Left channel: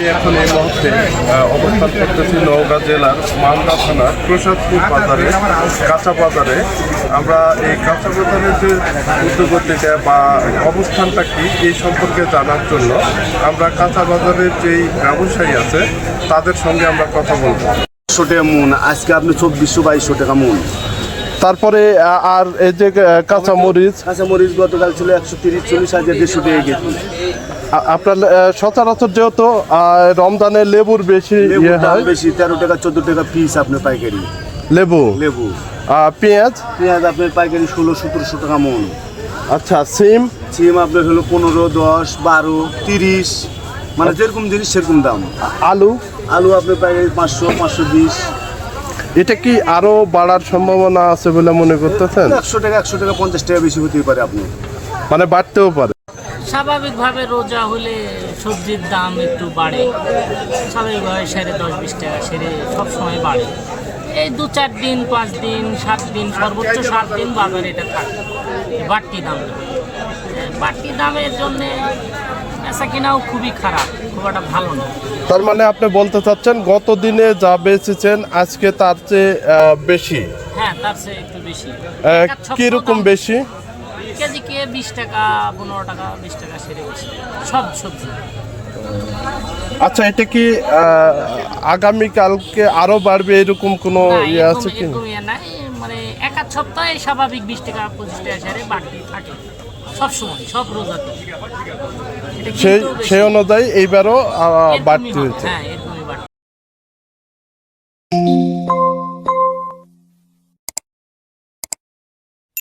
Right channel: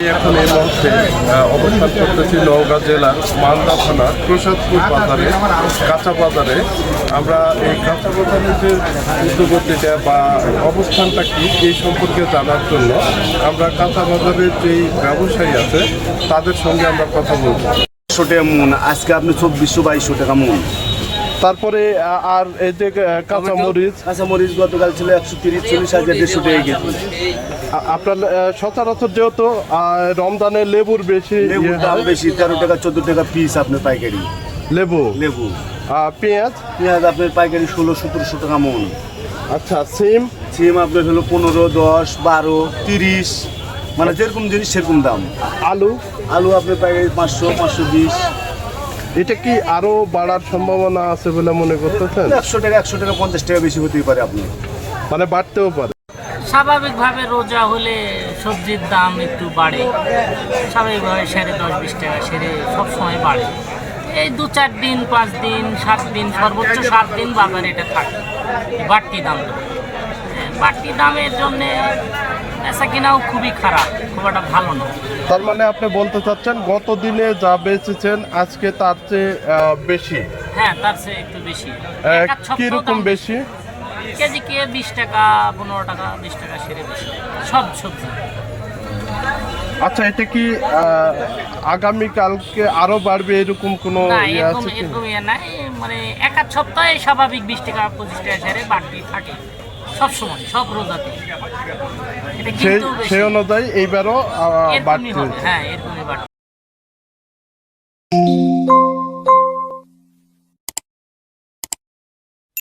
এখন এই মুহূর্তে অবস্থান করতেছি নওগাঁ জেলার মালদা থানার প্রসাদপুর বাজারে, কাঁচা বাজারে। আমরা এই কাঁচা বাজারের যে উদ্যোগতিটা বা অবস্থানটা কি এই সম্পর্কে জানার জন্য আমরা কাঁচা বাজারের যেই ব্যবসায়ী আছে তাদের সঙ্গে আমরা কথা বলবো। 100 টাকা মন, আজকে আপনি 2400-2200 টাকা মন। তারপরে আর এই যে কাঁচামরিচ গতকাল ছিল 130-40 হাজার 150 টাকা কেজি। আপনার সচরাচর যেহেতু রমজানে লেবুর বেশি লেবুর দাম বেশি, 13 টাকা 14 টাকা পিস আপনার পাইকারি। লেবু পেঁয়াজ আপনার পাইকারি 1600-1700 টাকা মন। আচ্ছা, সিম আপনার হলো 15, 10, 12, 30, মানে যেরকম জিনিস সেরকম দাম। আলু আপনার পাইকারি 500-520। এটা কি আরো বাড়ার সম্ভাবনা আছে বলে মনে করতেছেন? 100 টাকা 50 টাকা বেশি হতেই পারে, আপনি মানে বাড়তেও পারে। স্বাভাবিকভাবে রোজা হলে সবজির দাম একটু বাড়ে, স্বাভাবিকভাবে সেরে 10-20 টাকা সেরে সবসময় বাড়ে। এই 2-4 দিন 5 দিন 7 দিন সর্বোচ্চ 7 দিন বাজারে এটা থাকে বাড়তি দামটা। বাড়তি দামের জন্যে বেচা কেনাও খুবই খারাপ, খুব একটা ভালো না। তার মানে আপনি বলতে চাচ্ছেন গত দিনে যা বেচেছেন আজকে তার চেয়ে বেশি? হ্যাঁ, তার চেয়ে একটু বেশি। কিরকম বেশি? কেজি 20 টাকা 15 টাকা 20 টাকা সেরে বেশি সব সবজি। আচ্ছা, এটা কি আগামীকালকে আরো বাড়বে এরকম কোনো ইয়ে আছে কি? এরকম ইয়ে নাই, মানে এক আধ সপ্তাহে স্বাভাবিক 20 টাকা 25 টাকা সেরে বাড়তি থাকে সব সময়, সব রোজাতে। সেই অনুযায়ী এইবারও বাড়তি হচ্ছে। হ্যাঁ, এরকম